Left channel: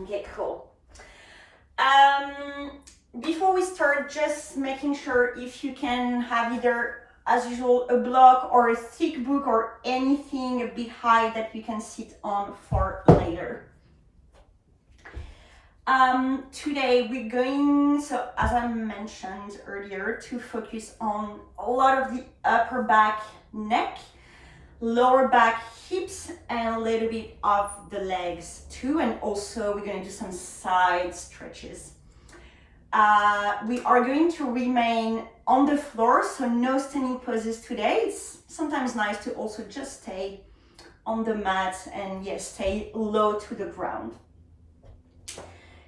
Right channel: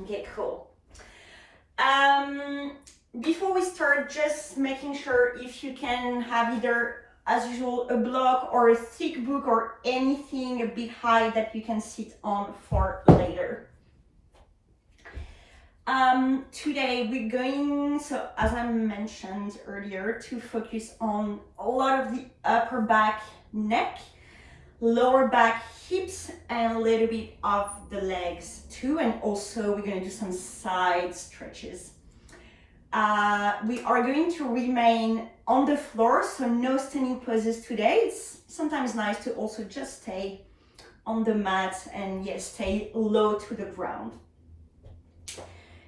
Okay, cool. Before we start, just making sure if you can have either, as usual, a block or a thick book or anything a bit high that you can sit on for later. Today we're going, so as I mentioned earlier, to focus on a lot of the upper back, neck, lower back, hips, and a little bit of the legs too. And also we're going to do some side stretches. We are going to remain on the floor, so no standing poses today. It's sometimes nice to also just stay on the mat and yes, stay low to the ground.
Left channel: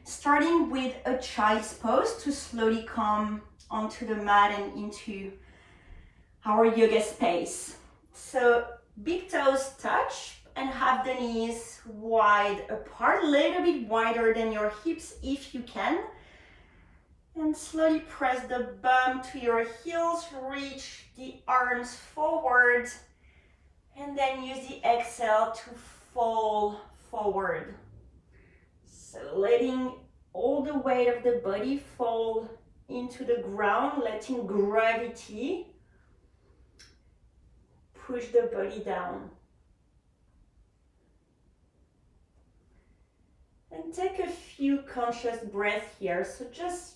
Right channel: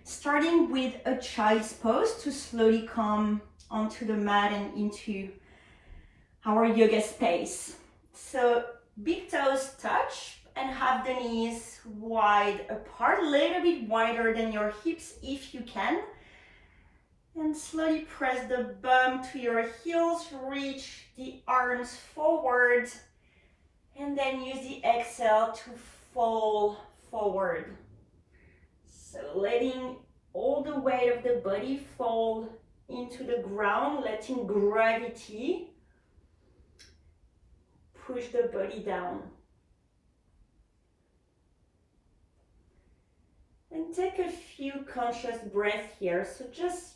Starting with a child's pose to slowly come onto the mat and into our yoga space. So big toes touch and have the knees wide apart, a little bit wider than your hips if you can. And slowly press the bum to your heels, reach the arms forward, and then use the exhale to fall forward. So letting all the weight of the body fall into the ground, letting gravity push the body down. And take a few conscious breaths here. So just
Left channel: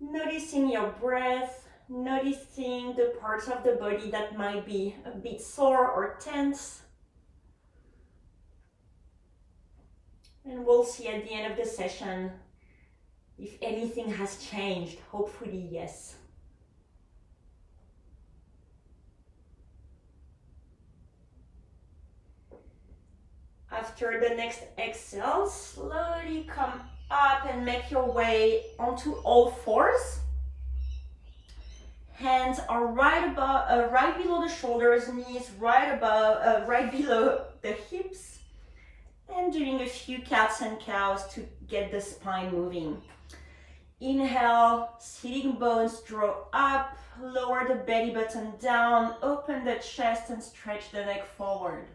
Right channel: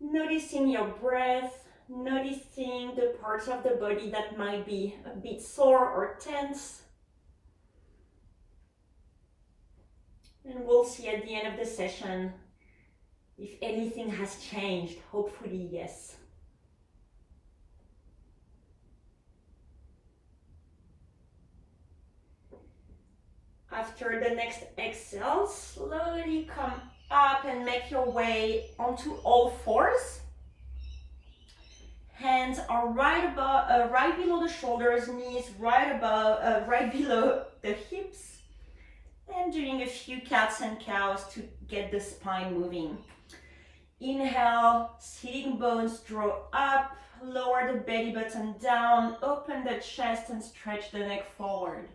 noticing your breath, noticing the parts of the body that might be a bit sore or tense. And we'll see at the end of the session if anything has changed. Hopefully, yes. After the next exhale, slowly come up and make your way onto all fours. Hands are right above, right below the shoulders, knees right below the hips. And doing a few cats and cows to get the spine moving. Inhale, sitting bones draw up, lower the belly button down, open the chest and stretch the neck forward.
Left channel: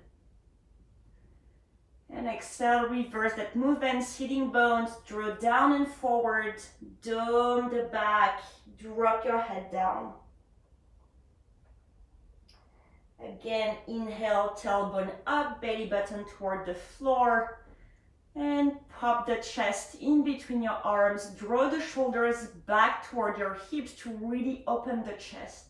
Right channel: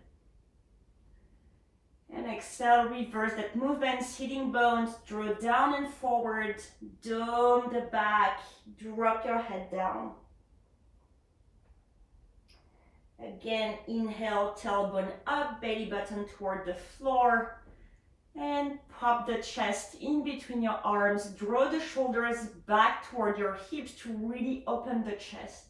And exhale, reverse that movement, sitting bones, draw down and forward, dome the back, drop your head down. Again, inhale, tailbone up, belly button toward the floor, and pop the chest in between your arms, draw the shoulders back toward your hips to really open the chest.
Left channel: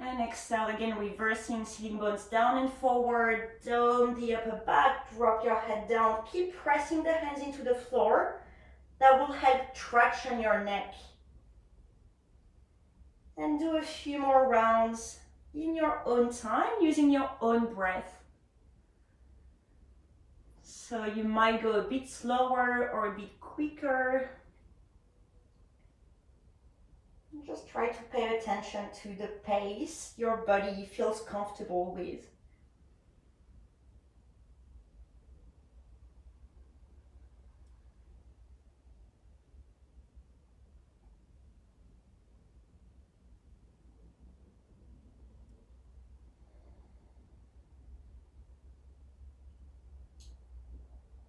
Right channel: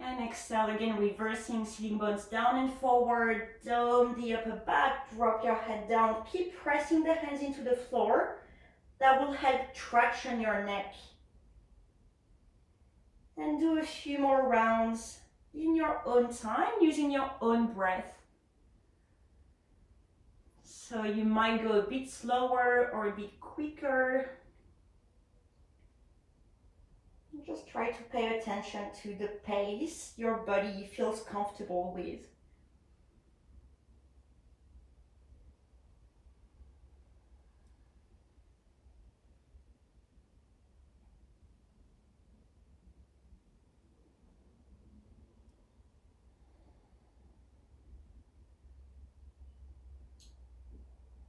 And exhale again, reversing, sitting bones down and forward, dome the upper back, drop your head down, keep pressing the hands into the floor. That will help traction your neck. And do a few more rounds in your own time, using your own breath. So you might go a bit slower or a bit quicker. Just try to pay attention to the pace your body feels comfortable with.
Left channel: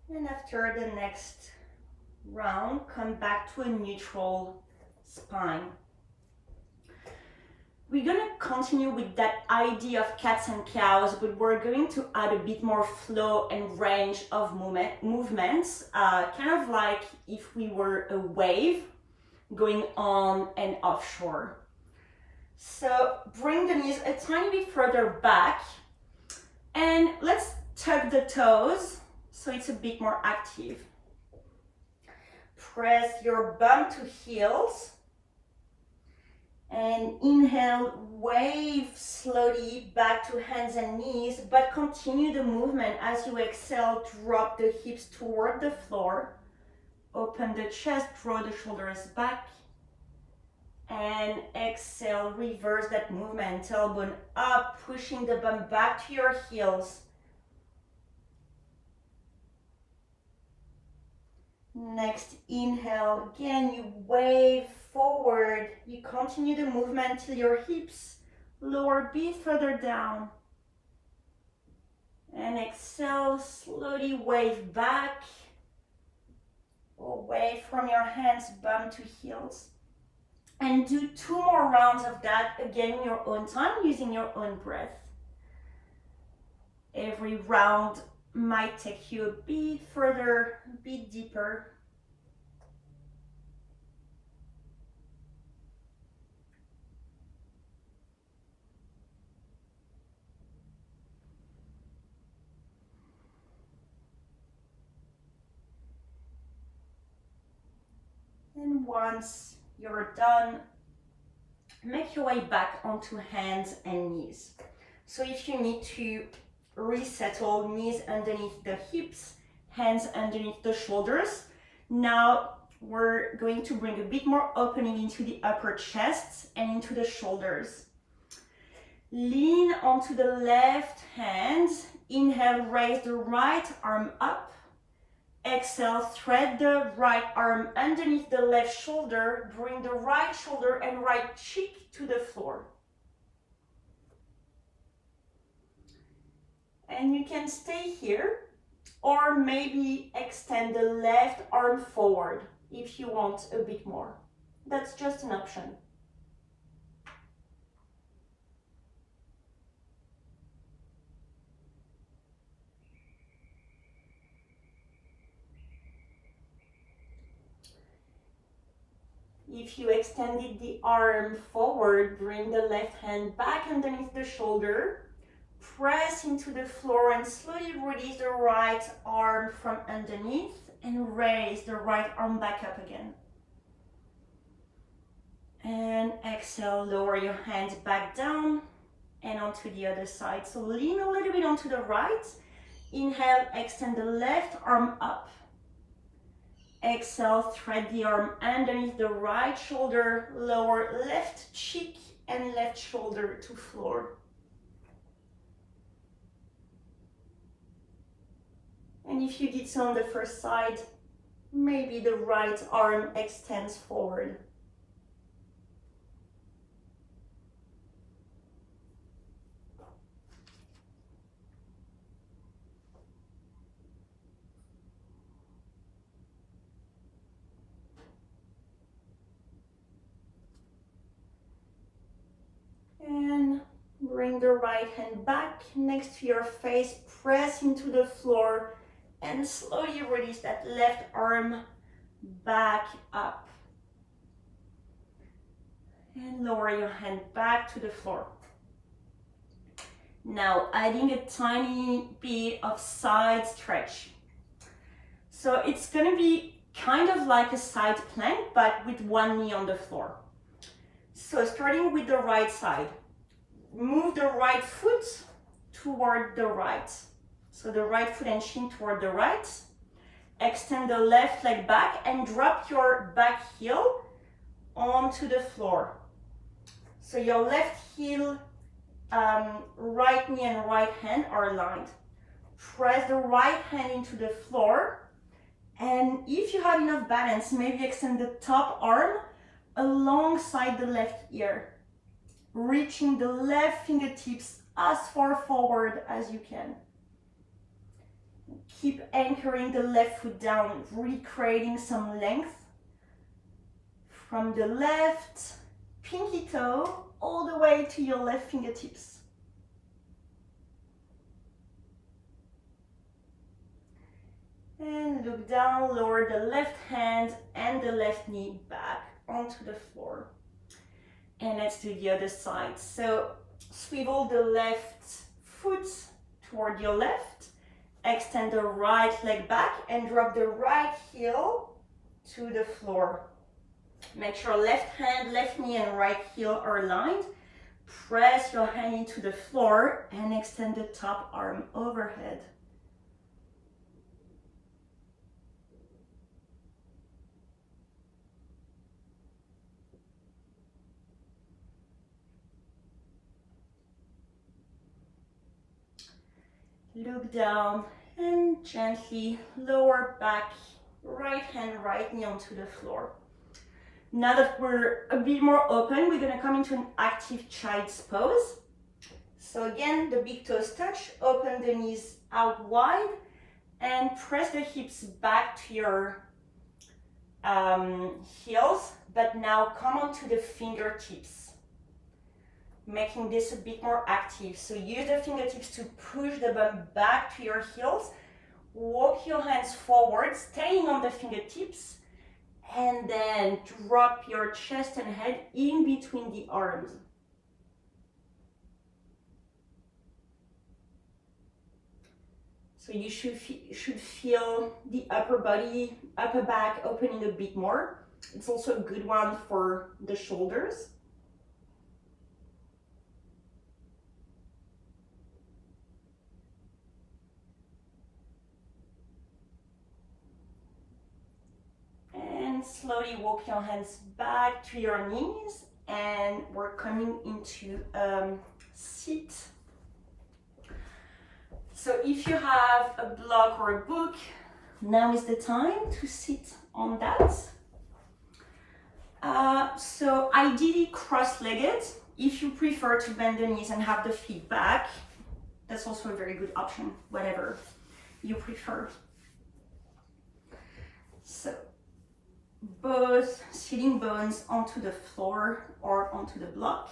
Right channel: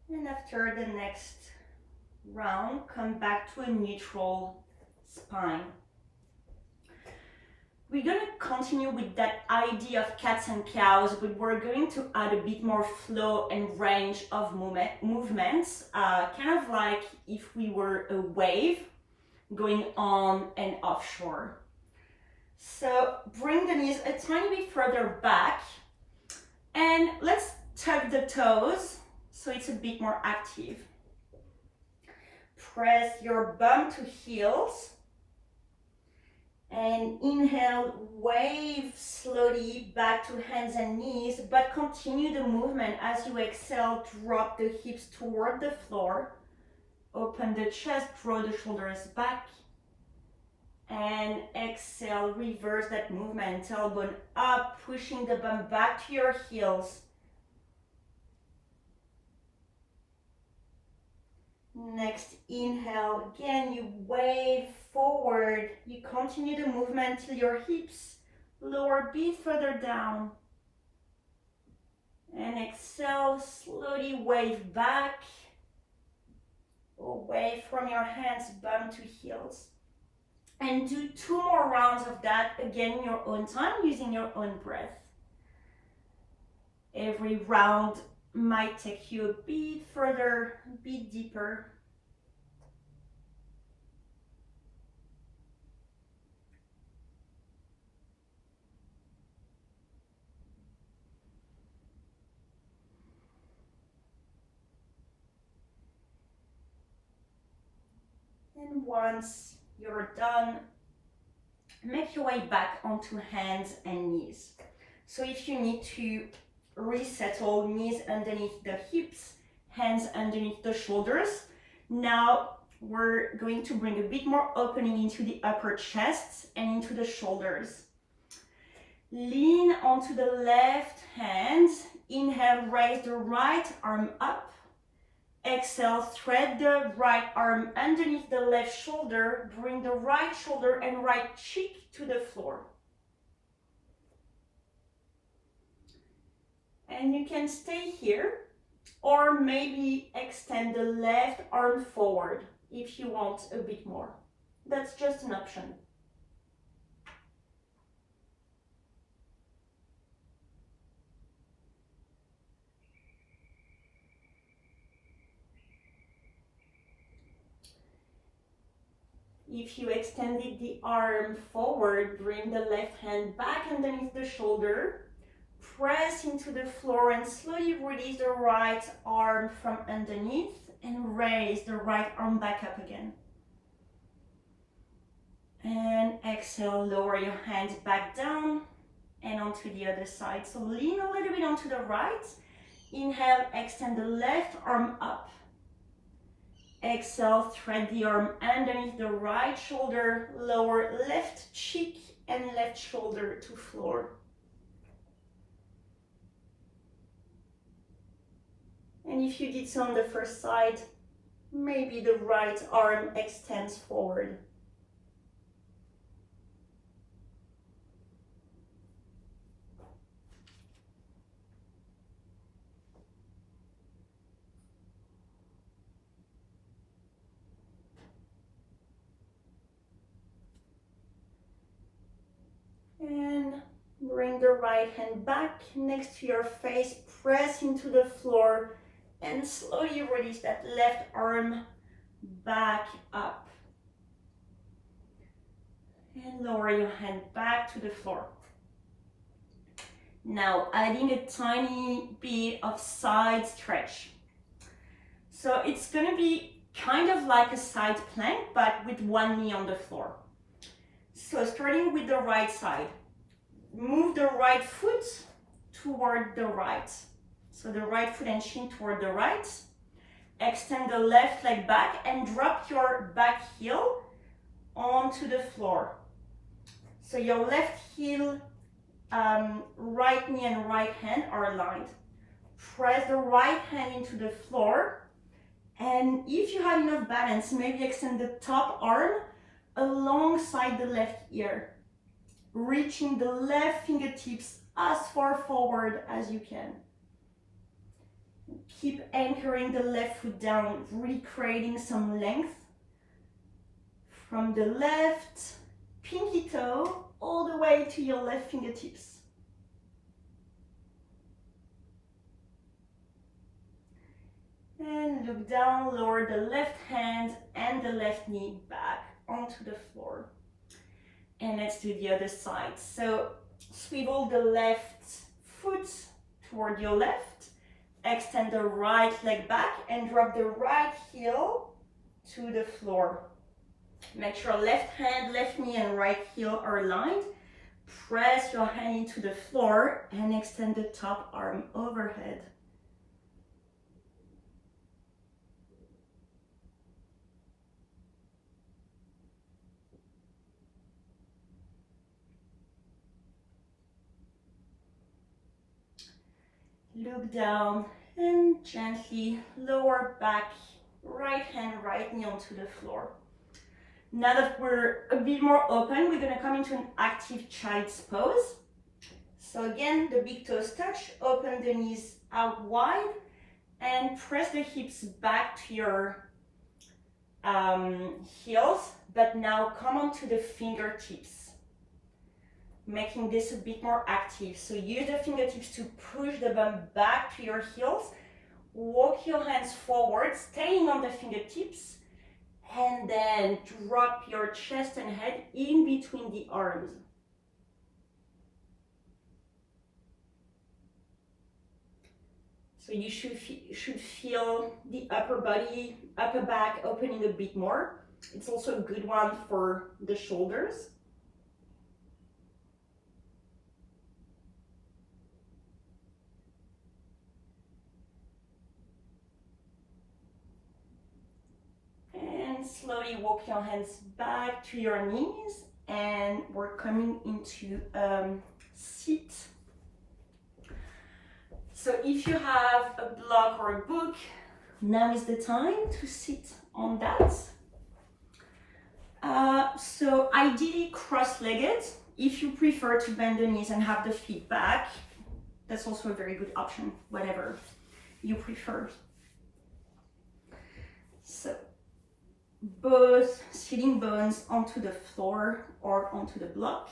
And after the next round, come back to a neutral spine. We're going to continue with that idea of cats and cows, but we're going to add a bit more flow and range of movements, kind of like if we were a wave going on and offshore. So bring the knees a tiny bit further back, and let's tuck the toes so it's a bit more active. Press your bum to heels. And inhale, wave slowly back to hands and knees, but continue the movement. As you exhale, drop the hips toward the floor. Open the chest, draw the shoulders back. And exhale, reverse that movement. Tailbone up, pushing the bum back to your heels. Next inhale, again you wave forward, you continue the movement till your hips lower a bit further down. And exhale, slowly wave back, away from your hands, bum to heels. And do 2 more rounds of that, again in your own time, using your own breath. Every round might take you a bit further, a bit deeper. And once you're done, make your way back onto hands and knees. So if you need to resettle, knees underneath the hips, hands underneath the shoulders. Now we're going to bring a bit more opening into the upper chest and into the shoulders. Lean onto the left hand. Inhale, raise the right arm up. Exhale, thread the right arm underneath the left shoulder. Bring the right shoulder and right cheek to the floor. And you can stay here, or maybe extend the left arm forward if you want a bit more. That's just an option. If you extended the arm forward, bring the left hand back underneath the shoulder. Press into the floor and slowly release the right arm from underneath and raise the right arm back up again. And exhale, lower your hands back down and onto the other side. So lean a little bit onto the right. Inhale, extend the left arm up. Exhale, thread the arm underneath the right shoulder, lower left cheek and left shoulder to floor. And if you did so on the first side, maybe the right arm extends forward. And bring the right hand back next to your face, press into the floor, and slowly release that left arm back up. And lower your hand back to the floor. Now adding a tiny bit of side stretch. So it's gonna be kind of like a side plank, but with one knee on the floor. So starting with the right side, move the right foot toward the right. So the right foot and shin toward the right. Extend the left leg back and drop your back heel onto the floor. So your left heel, right knee and right hand are aligned. Press the right hand into the floor. And if you have enough balance, maybe extend the top arm alongside the left ear, reaching the left fingertips as far forward as you can. Keep anchoring the left foot down, really creating some length from the left pinky toe all the way to your left fingertips. And look down, lower the left hand and the left knee back onto the floor. And let's do the other side. So swivel the left foot toward your left, extend the right leg back and drop the right heel to the floor. Make sure left hand, left knee and right heel are aligned. Press your hand into the floor and extend the top arm overhead. Look down and gently lower back, right hand, right knee onto the floor. Now that we're a bit more open, we're gonna come into an active child's pose. So again, the big toes touch, open the knees out wide and press the hips back to your heels, but now come onto the fingertips, making this a bit more active. So use the fingertips to push the bum back to your heels. Walk your hands forward, staying on the fingertips, and then drop your chest and head in between the arms. So you should feel the upper body, upper back opening a bit more. It's also a good one for the shoulders. And slowly walk your hands back to your knees, and we're coming into seat. So if you have a blog or a book, now is the time to sit on that. So ideally cross-legged. If you prefer to bend the knees and have the feet back, that's also a very good option, whatever you prefer. So both sitting bones onto the floor or onto the block.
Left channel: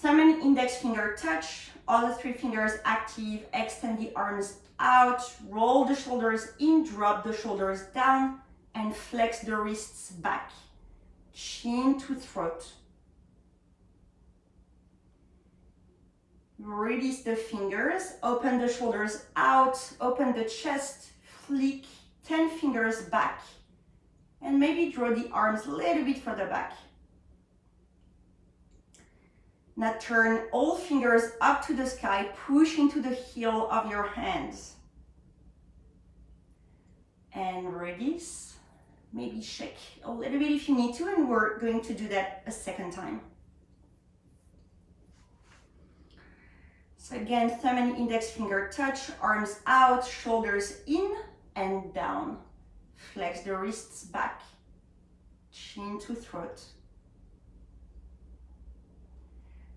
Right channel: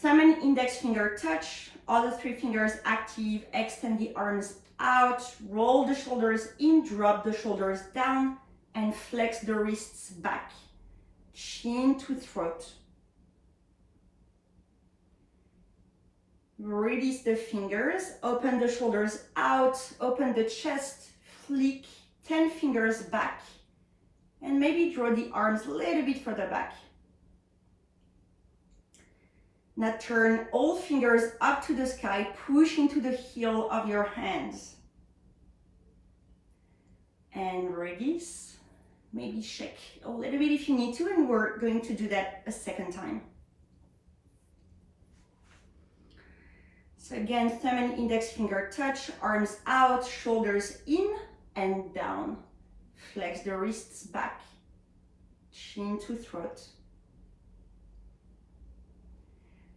Thumb and index finger touch, all the three fingers active, extend the arms out, roll the shoulders in, drop the shoulders down, and flex the wrists back, chin to throat. Release the fingers, open the shoulders out, open the chest, flick 10 fingers back, and maybe draw the arms a little bit further back. Now turn all fingers up to the sky, push into the heel of your hands. And release. Maybe shake a little bit if you need to, and we're going to do that a second time. So again, thumb and index finger touch, arms out, shoulders in and down. Flex the wrists back, chin to throat.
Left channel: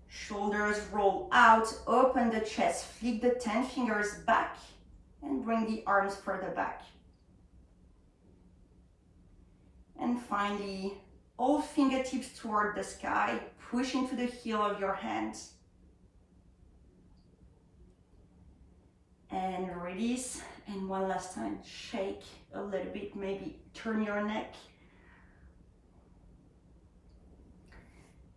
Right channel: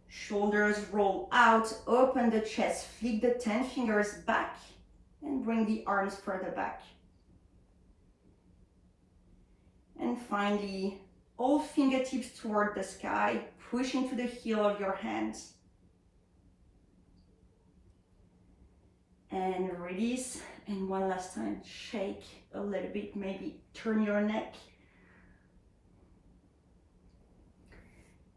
Shoulders roll out, open the chest, flick the 10 fingers back, and bring the arms further back. And finally, all fingertips toward the sky, push into the heel of your hands. And release, and one last time, shake a little bit, maybe turn your neck.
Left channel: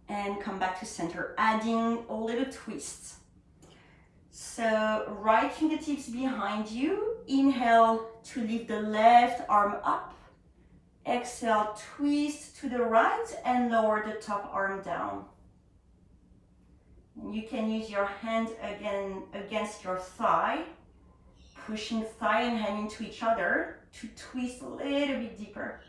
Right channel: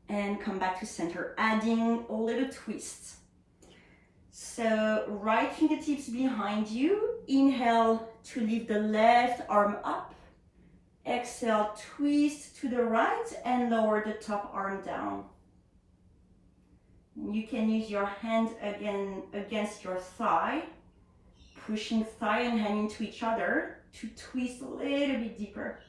And come back to center, adding a little twist. So right fingertips behind you, inhale to lift the left arm up. Exhale, twist to the right and lower the top arm down. You can use your hand again against your thigh, pushing thigh and hand into each other to twist a little bit deeper.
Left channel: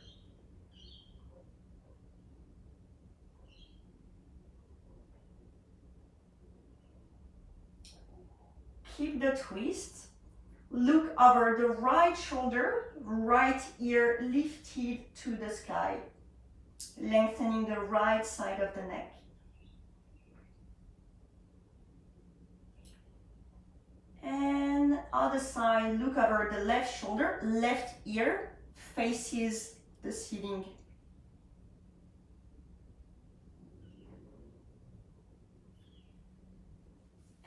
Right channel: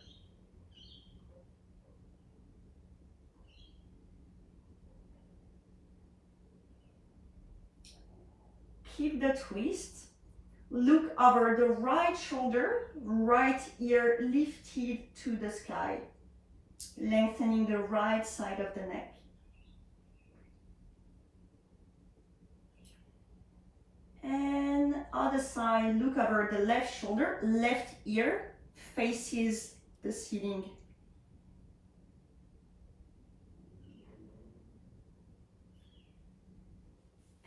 Keep the twist. Look over the right shoulder, right ear lifted to the sky, lengthening the right side of the neck. And other side, look over the left shoulder, left ear faces the ceiling.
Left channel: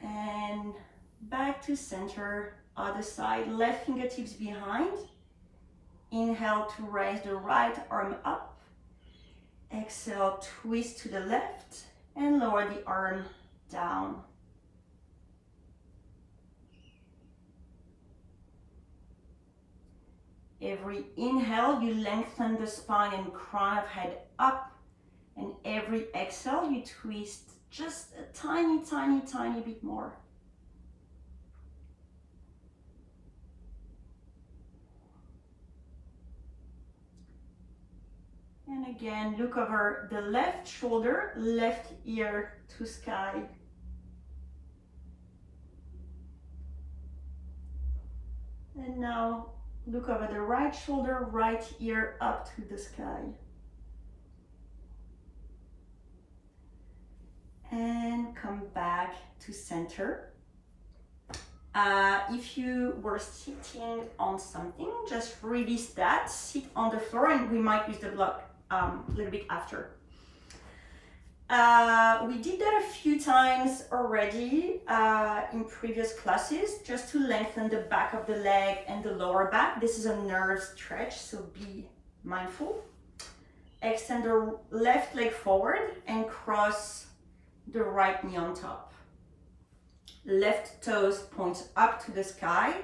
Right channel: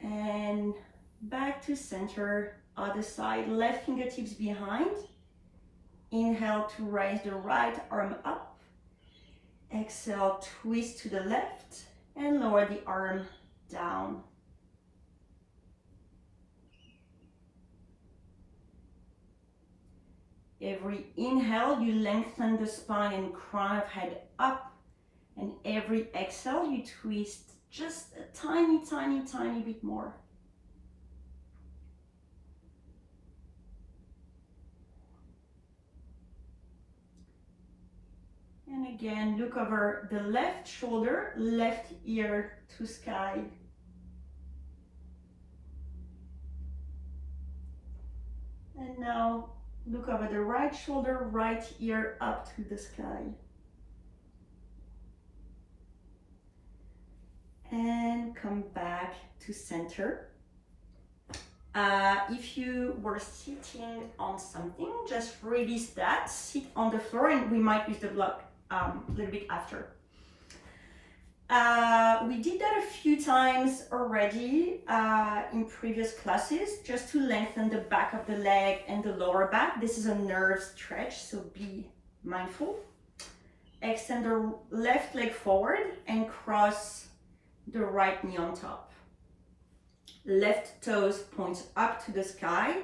And back to center, other side, left fingertips behind. Inhale to raise the right arm up. Exhale, twist to the left and lower the arm down. Every inhale, you lengthen the spine and crown of head up. And every exhale, you twist just a tiny, tiny, tiny bit more. And again, look over the left shoulder, left ear to sky. And now look over the right shoulder, right ear up to the sky. And come back to center. If you were sitting on something, just release that, sit on the floor, and we might use the block a little bit after. We did that a few times already in previous classes, just to lengthen the back of the leg and the lower back. This is a nerve stretch, so be mindful. Extend the left leg forward and cross the right knee on top. Left toes point up to the sky,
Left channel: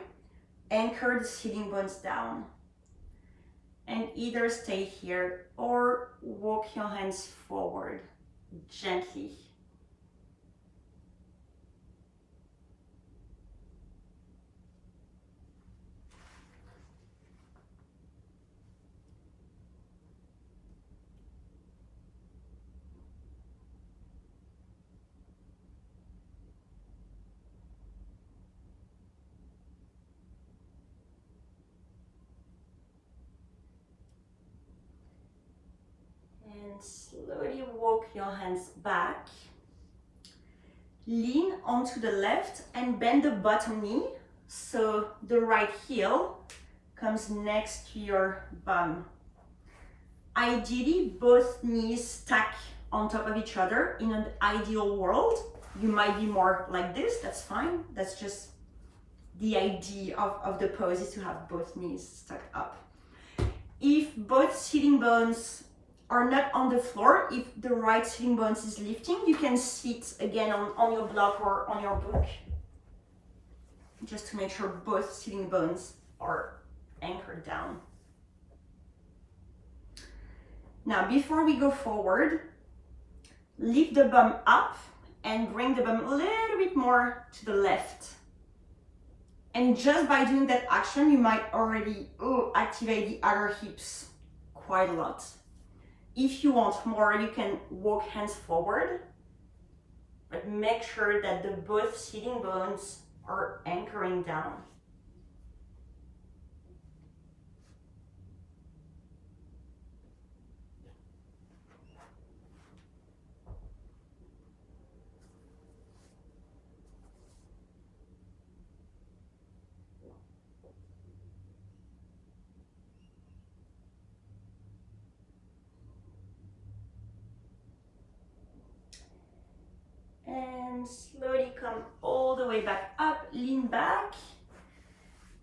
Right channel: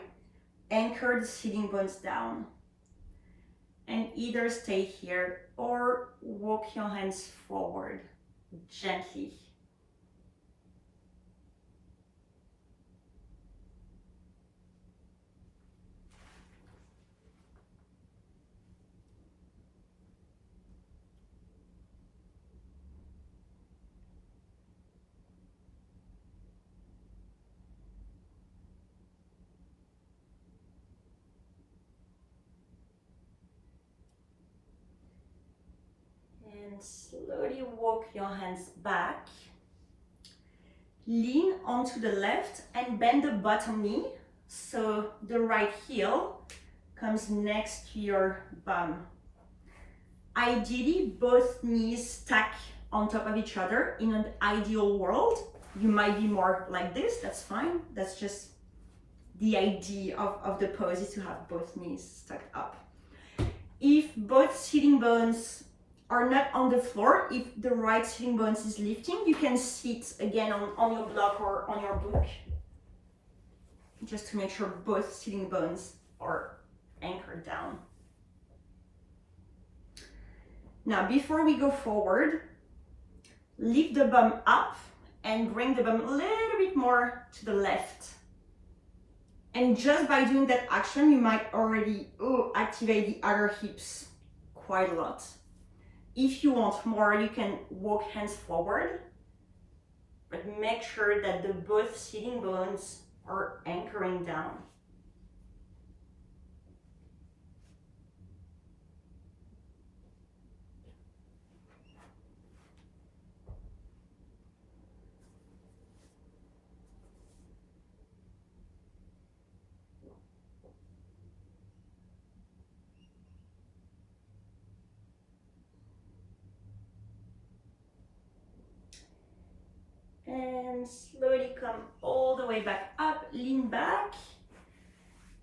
anchor the sitting bones down. And either stay here or walk your hands forward gently. And slowly walk your hands back. Lean onto the left and bend the bottom knee so the right heel comes next to your bum. Ideally, both knees stack on top of each other. In an ideal world, you might be more like this, that's fine. That's just the idea of the pose, is to have both knees stacked up. If both sitting bones are not on the floor, if the right sitting bones is lifting, you can sit again on your block or on your book, just to make sure both sitting bones are anchored down. Now, before we go forward, lift the bum up and bring the bum a little bit more to the left. And just by doing that action, you might already activate the other hips quite a lot. If you want more, you can walk hands forward, but make sure that the both sitting bones are anchoring down. And slowly come all the way back up, lean back,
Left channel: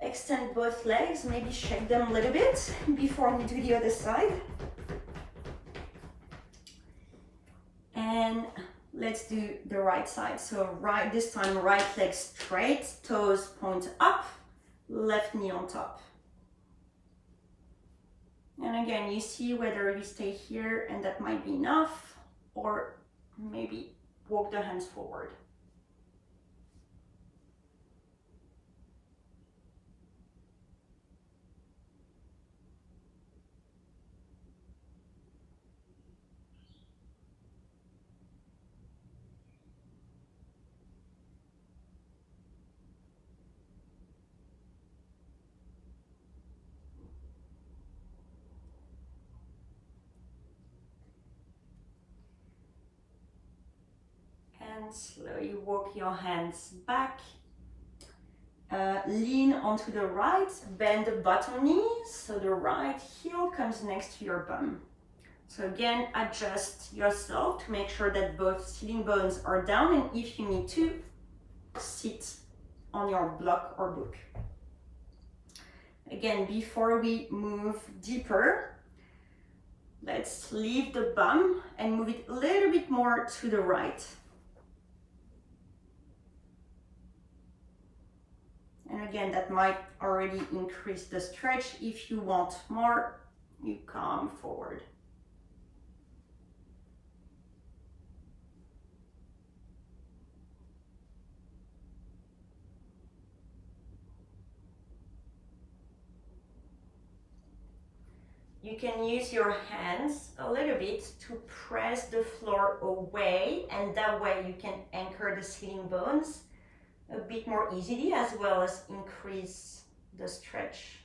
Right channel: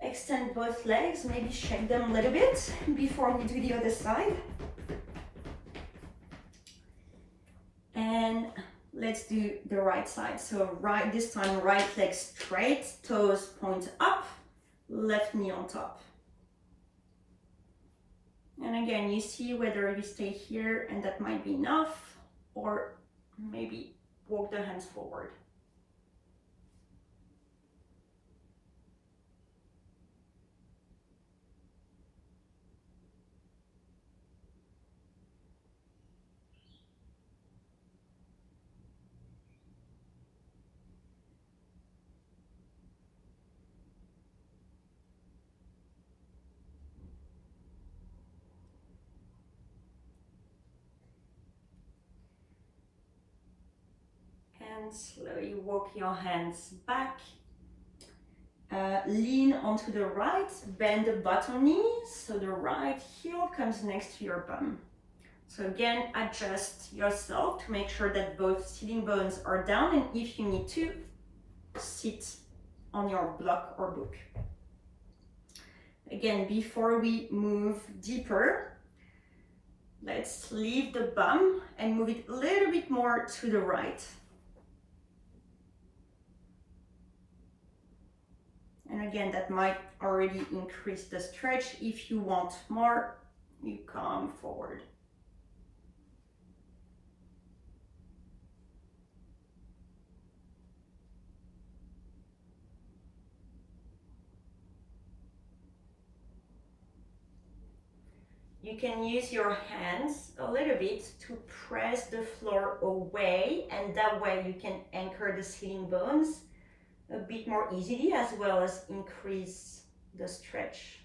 extend both legs, maybe shake them a little bit before we do the other side. And let's do the right side. So this time, right leg straight, toes point up, left knee on top. And again, you see whether you stay here and that might be enough, or maybe walk the hands forward. And slowly walk your hands back. Lean onto the right, bend the bottom knee so the right heel comes next to your bum. So again, adjust yourself to make sure that both sitting bones are down, and if you need to, sit on your block or book. Again, before we move deeper, let's leave the bum and move it a little bit more to the right. And again, that might already increase the stretch. If you want more, you come forward. You can use your hands a little bit to press the floor away, and that way you can anchor the sitting bones a bit more easily, as well as increase the stretch.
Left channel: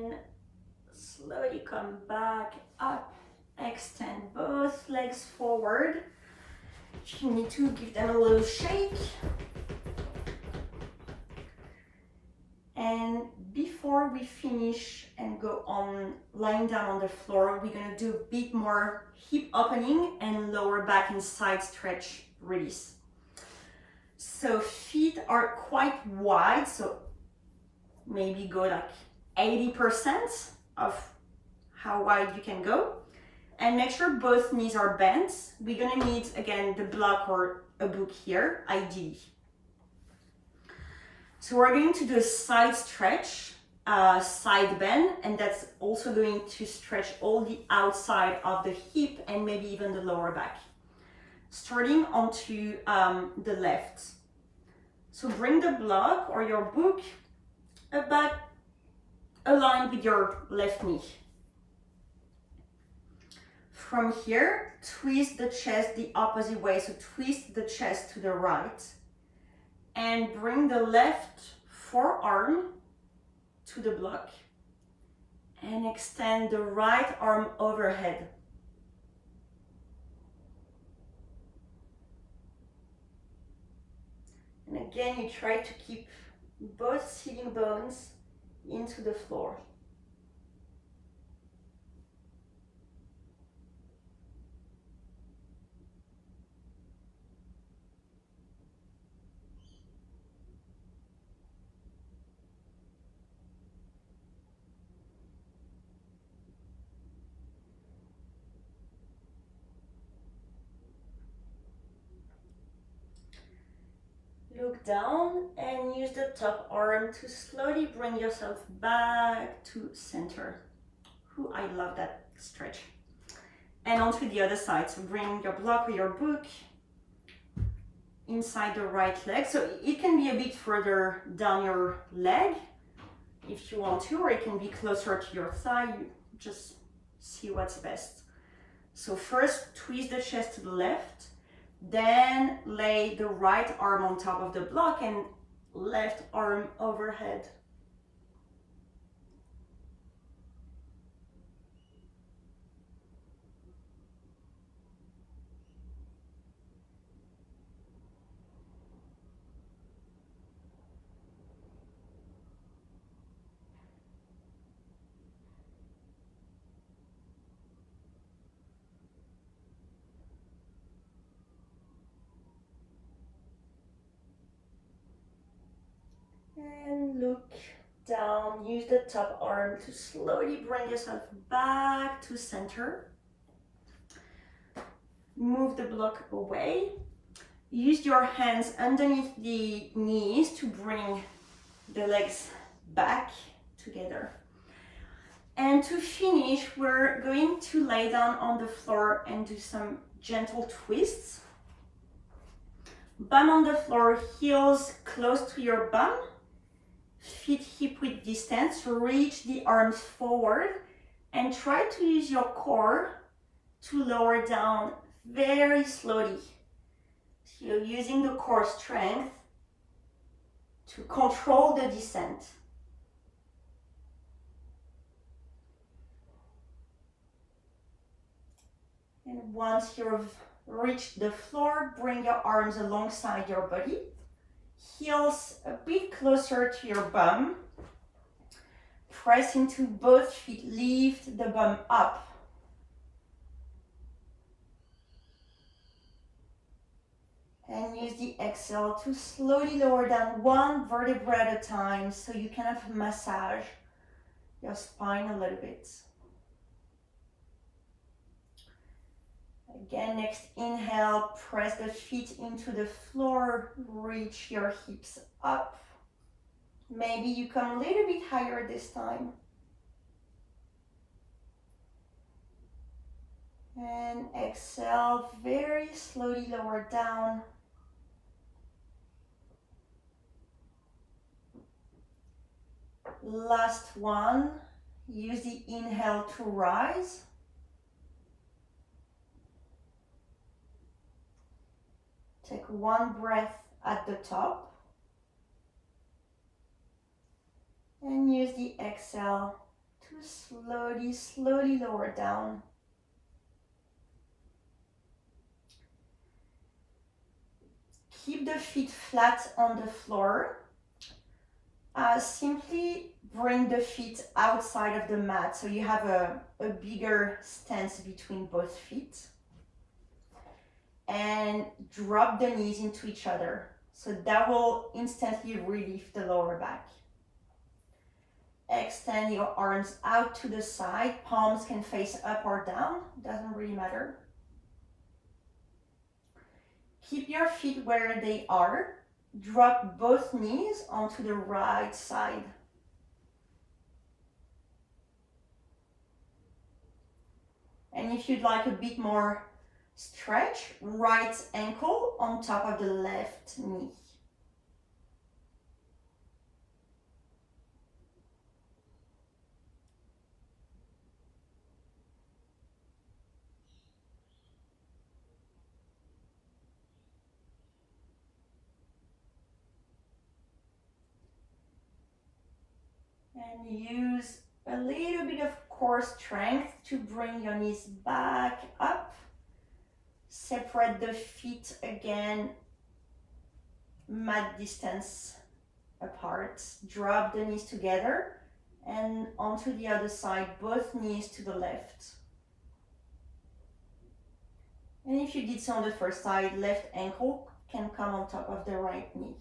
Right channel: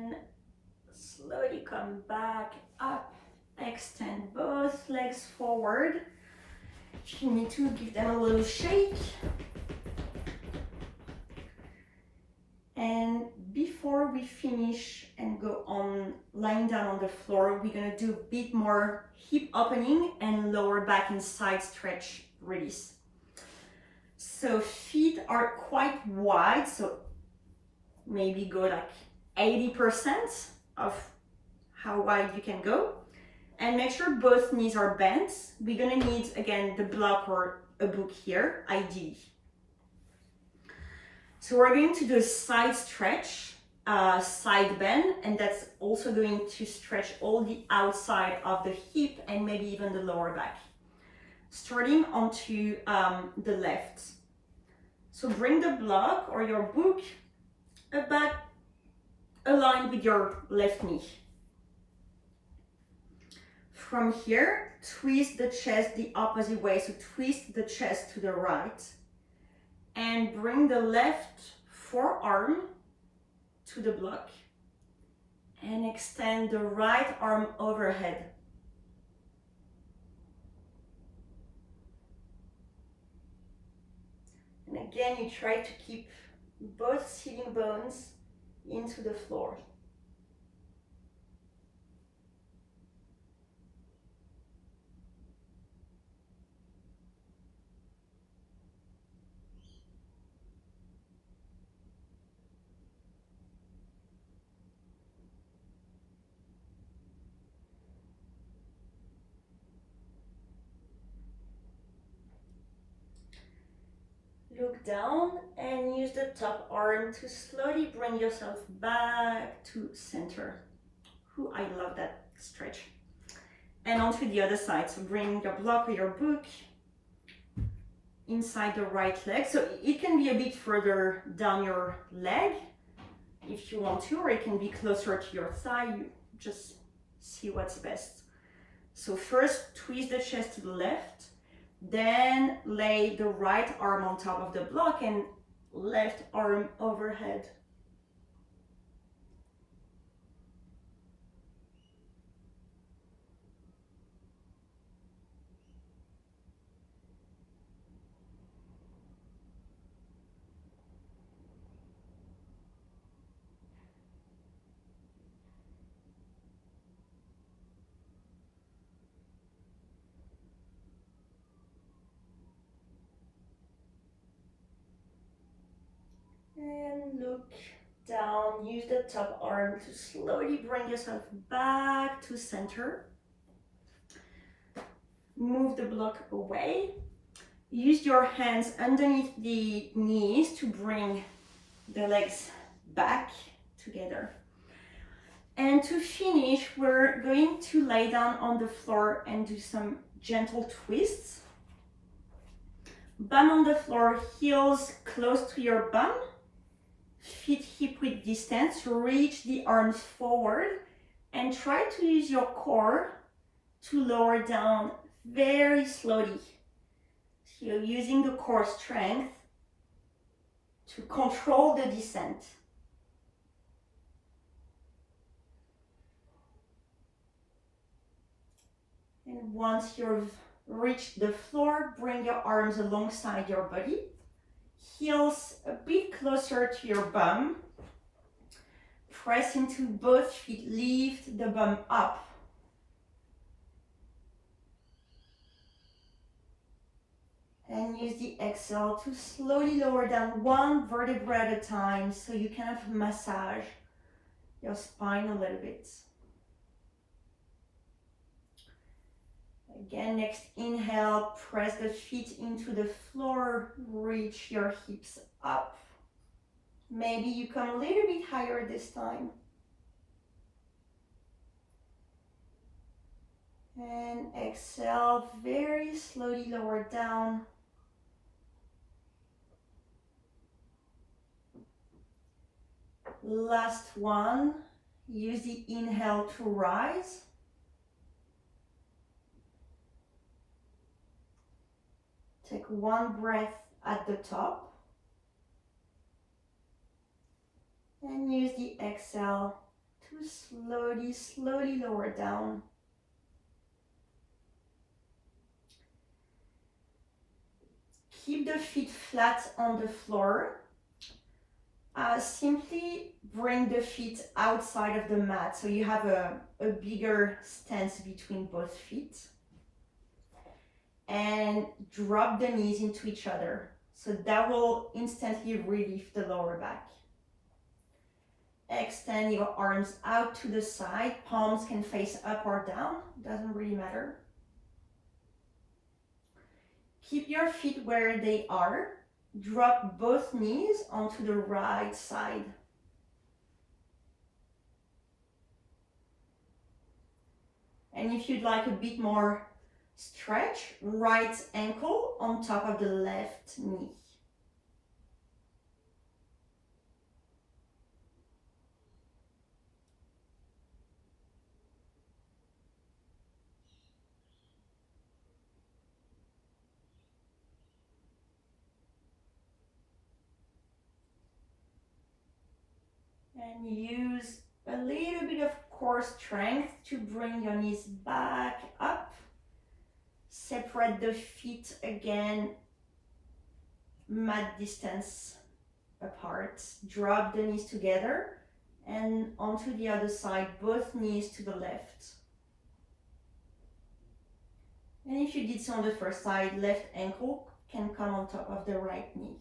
and slowly come back up. Extend both legs forward. If you need to, give them a little shake. And before we finish and go on lying down on the floor, we're gonna do a bit more hip opening and lower back and side stretch release. So feet are quite wide, so maybe go like 80% of how wide you can go. And make sure both knees are bent. We're gonna need, again, the block or a book here, ideally. So we're going to do a side stretch, side bend, and that's also going to stretch all the outside of the hip and maybe even the lower back. Starting onto the left. So bring the block or your book about aligned with your left knee. From here, twist the chest the opposite way. So twist the chest to the right and bring the left forearm to the block and extend the right arm overhead. And again, you try to keep both sitting bones into the floor. Look down and use the top arm to slowly bring yourself back to center. Ooh, I love that stretch. And onto the other side. So bring your block or your book inside the right leg. So it can be a bit further down your leg if you want to, or it can be closer to your thigh. You just see what's best. So first, twist the chest to the left. Then lay the right arm on top of the block and left arm overhead. And look down, use the top arm to slowly bring yourself back to center. Move the block away. Use your hands underneath the knees to bring the legs back together. And to finish, we're going to lay down on the floor and do some gentle twists. Bum on the floor, heels close to your bum. Feet hip width distance, reach the arms forward and try to use your core to lower down very slowly. So you're using the core strength to control the descent. And once you've reached the floor, bring your arms alongside your body. Heels a bit closer to your bum. Press into both feet, lift the bum up. And use the exhale to slowly lower down one vertebra at a time so you kind of massage your spine a little bit. Again, next inhale, press the feet into the floor, reach your hips up. Maybe you come a little bit higher this time. And exhale, very slowly lower down. Last one, use the inhale to rise. Take one breath at the top. And use the exhale slowly, slowly lower down. Keep the feet flat on the floor. Simply bring the feet outside of the mat so you have a bigger stance between both feet. And drop the knees into each other. So that will instantly relieve the lower back. Extend your arms out to the side. Palms can face up or down, doesn't really matter. Keep your feet where they are. Drop both knees onto the right side. And if you'd like a bit more stretch, right ankle on top of the left knee. And use a little bit of core strength to bring your knees back up. Separate the feet again, mat distance apart. Drop the knees together and onto the other side, both knees to the left. And if you did so on the first side, left ankle can come on top of the right knee.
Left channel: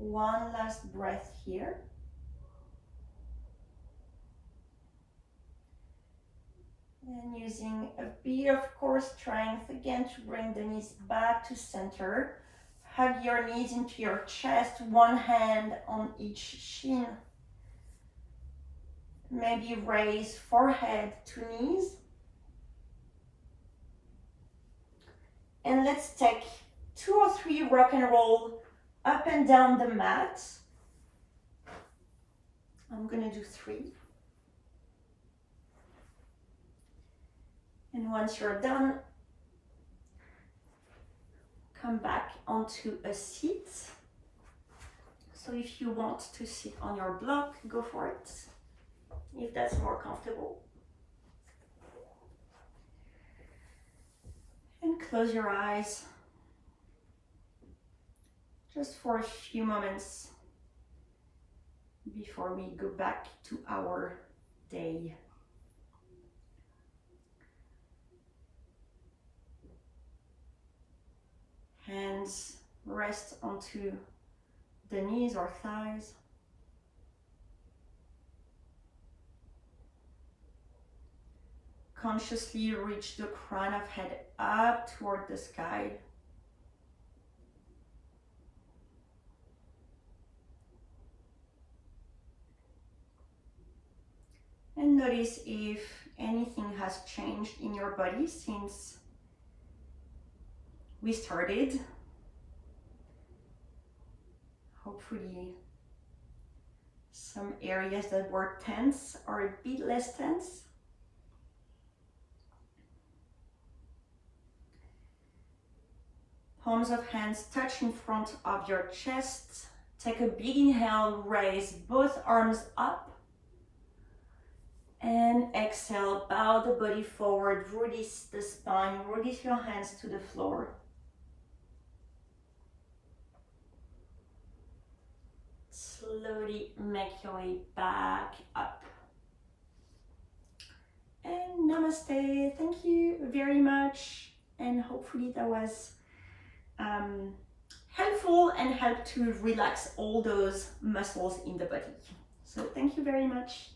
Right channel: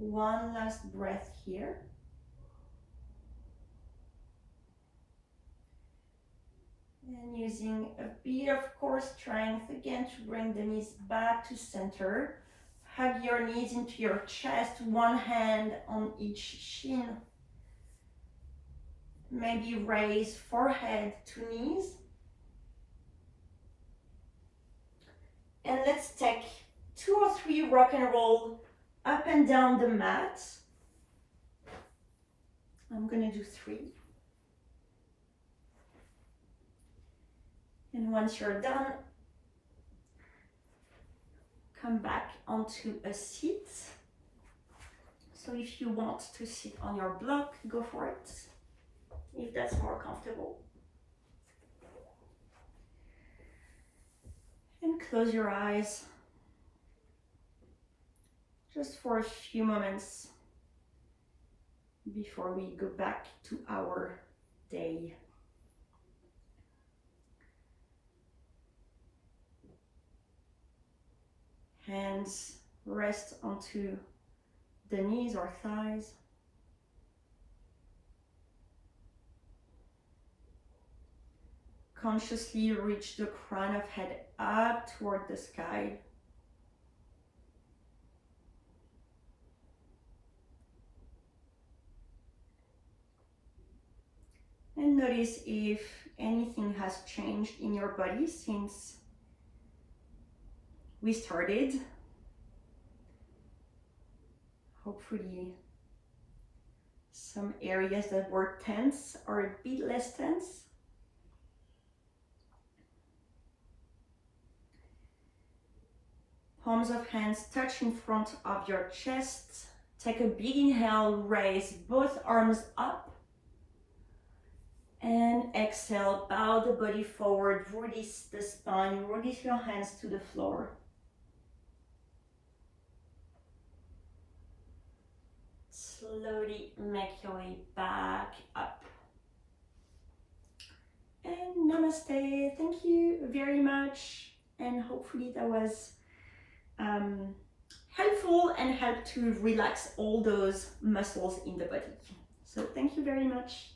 One last breath here. And using a bit of core strength again to bring the knees back to center. Hug your knees into your chest, one hand on each shin. Maybe raise forehead to knees. And let's take 2 or 3 rock and roll up and down the mat. I'm gonna do 3. And once you're done, come back onto a seat. So if you want to sit on your block, go for it, if that's more comfortable. And close your eyes just for a few moments before we go back to our day. Hands rest onto the knees or thighs. Consciously reach the crown of head up toward the sky. And notice if anything has changed in your body since we started. Hopefully some areas that were tense are a bit less tense. Palms of hands touch in front of your chest. Take a big inhale, raise both arms up. And exhale, bow the body forward, release the spine, release your hands to the floor. Slowly make your way back up. And namaste. Thank you very much. And hopefully that was helpful and helped to relax all those muscles in the body. So thank you very much.